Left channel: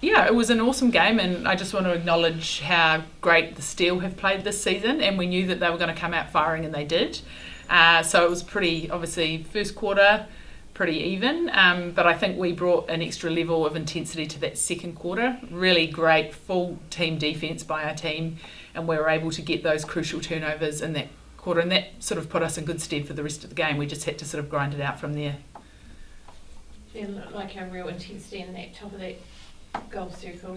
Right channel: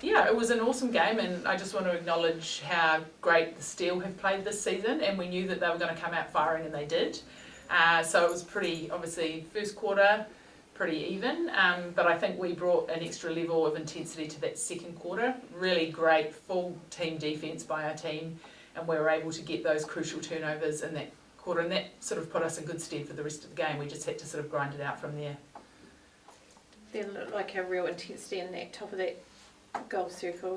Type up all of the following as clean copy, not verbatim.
Yeah, it was an awesome game, and I just want to acknowledge how great the Steel have played this season, and we knew that they were going to come out firing, and they did. So it was pretty, obviously, first quarter, pretty even, but I think we brought an extra level of intensity to that second quarter. Really great full team defence by our team, and we were able to get those crucial turnovers in that quarter, and that sort of put us in good stead for the rest of the game. We just had to sort of grind it out from there. There looked like a real intensity in that top of that goal circle,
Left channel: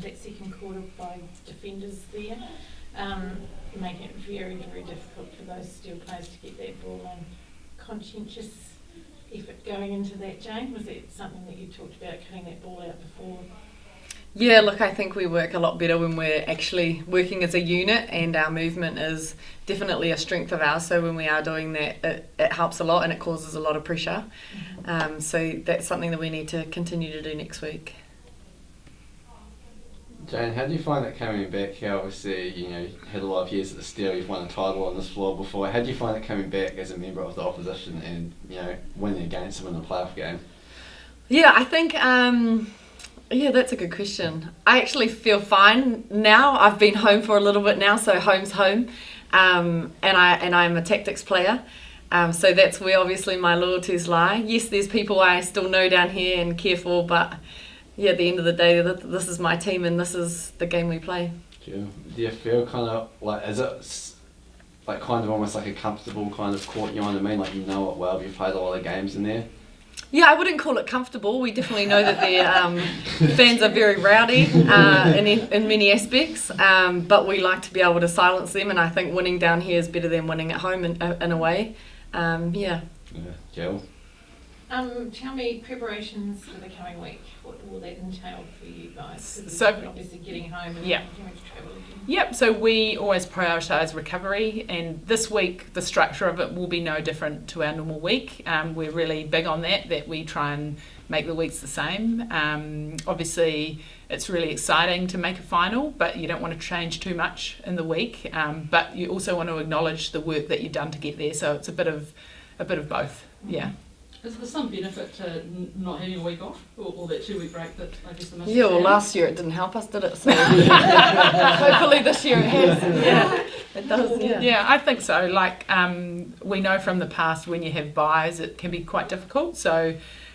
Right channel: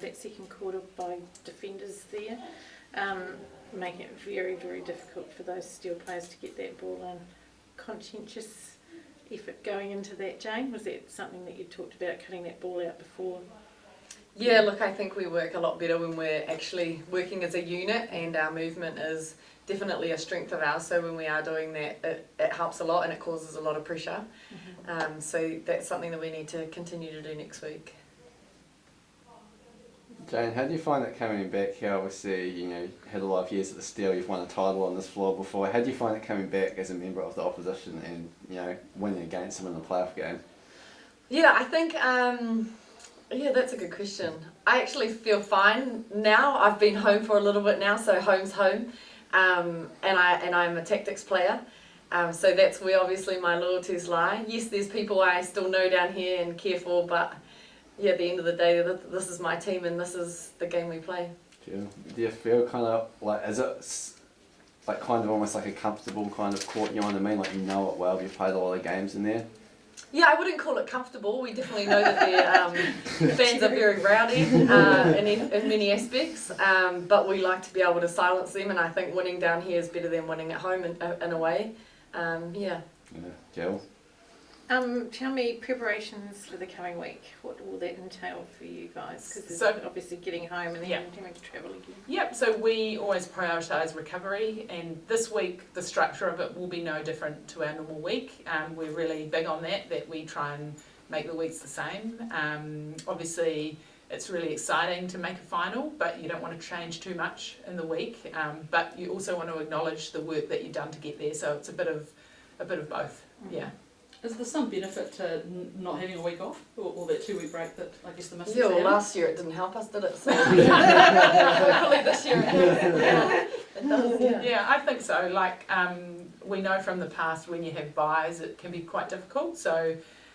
that second quarter by defenders there, making it very, very difficult for those Steel players to get that ball on. Conscientious effort going into that, Jane? Was that something that you talked about, cutting that ball out before? Yeah, look, I think we work a lot better when we're actually working as a unit, and our movement is definitely a strength of ours. So when we are doing that, it helps a lot and it causes a lot of pressure. Mm-hmm. So that's something that we need to continue to do next week. Jane, how do you find it coming back here? Obviously, you had a lot of years at the Steel, you've won a title on this floor before. How do you find it coming back as a member of the opposition and, winning against them in a playoff game? Yeah, I think, that's a good question. I actually feel fine now. I've been home for a little bit now, so home's home. And I'm a Tactix player. So that's where obviously my loyalties lie. Yes, there's people I still know down here and care for, but at the end of the day, this is my team and this is the game we play. Do you feel kind of like, is it like kind of almost like a comfortable kind of court, you know what I mean? Like you know it well, you've played a lot of games in there? Yeah, I wouldn't call it comfortable. We definitely know that their fans are very rowdy in many aspects, but we like to be able to silence them, and I think winning down here is better than winning at home in a way. Yeah, Jill? Tell me, preparations for the coming week, what will that entail for you guys? So obviously getting home and yeah. going to travel again. Yep, so we always prioritise recovery, and this week the structure of it will be no different to our normal week. We're really big on that we try and make the weeks the same. Obviously it's really exciting to make a final, but you don't want to change too much in the week, but you also want to acknowledge the work that you've done to get there, so it's a bit of both. Mm-hmm. Yeah. Is there some benefit to not having a week off, or that 2 week break that I guess the most? Yeah, well, last year it didn't help us, did it? So hopefully this year it has. Yeah, it does. Yeah. Yeah, I think so. Like we know from the past, when you have buys, it can be quite difficult. So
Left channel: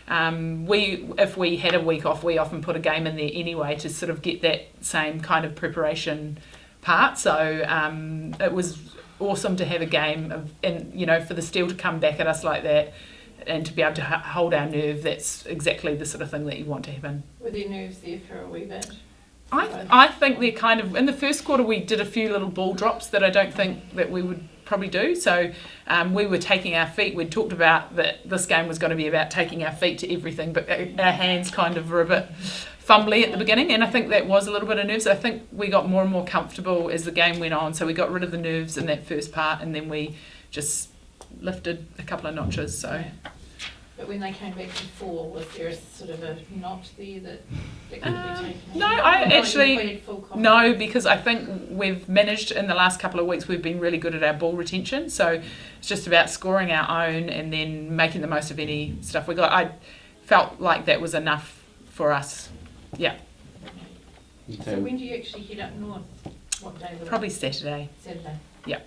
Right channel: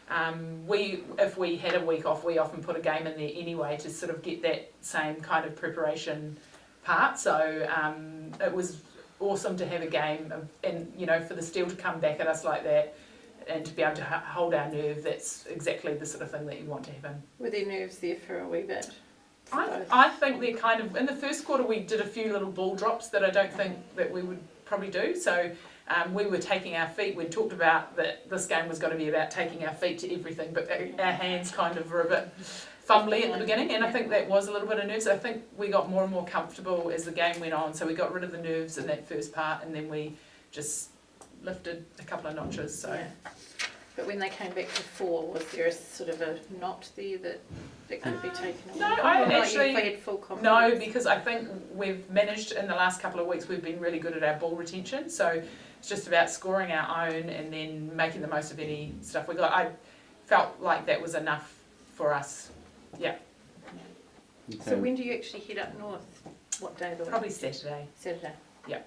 if we had a week off, we often put a game in there anyway to sort of get that same kind of preparation part. So it was awesome to have a game and for the Steel to come back at us like that. And to be able to hold our nerve, that's exactly the sort of thing that you want to happen. Were their nerves there for a wee bit? I think they're kind of, in the first quarter we did a few little ball drops that I don't think that we would probably do. So we were taking our feet, we'd talked about that this game was going to be about taking our feet to everything, but our hands kind of were a bit fumbly at the beginning, and I think that was a little bit of nerves. I think we got more and more comfortable as the game went on, so we got rid of the nerves in that first part, and then we just lifted a couple of notches. So. Yeah. But when they came back to 4, was there a sort of a knot there that could be taken away? No, I actually no, because I think we've managed in the last couple of weeks. We've been really good at our ball retention, so it's just about scoring our own and then making the most of any stuff we got. I felt like that was enough for us. Yeah. So when do you actually head up north? What day of the week? Probably Saturday. Saturday. Yeah.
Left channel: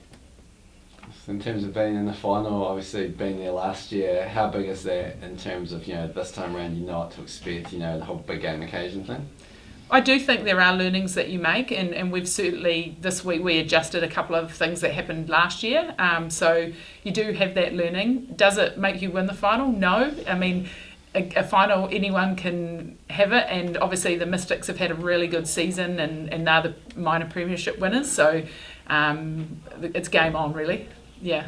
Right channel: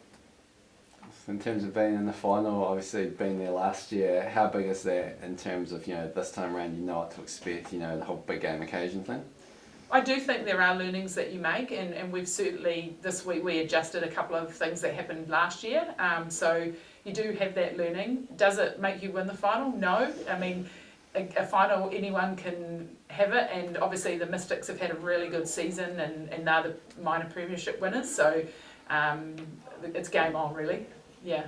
In terms of being in the final, obviously being there last year, how big is that in terms of, this time around you know what to expect, the whole big game occasion thing? I do think there are learnings that you make, and we've certainly, this week we adjusted a couple of things that happened last year, so you do have that learning. Does it make you win the final? No. I mean, a final, anyone can have it, and obviously the Mystics have had a really good season, and they're the minor premiership winners, so it's game on really. Yeah.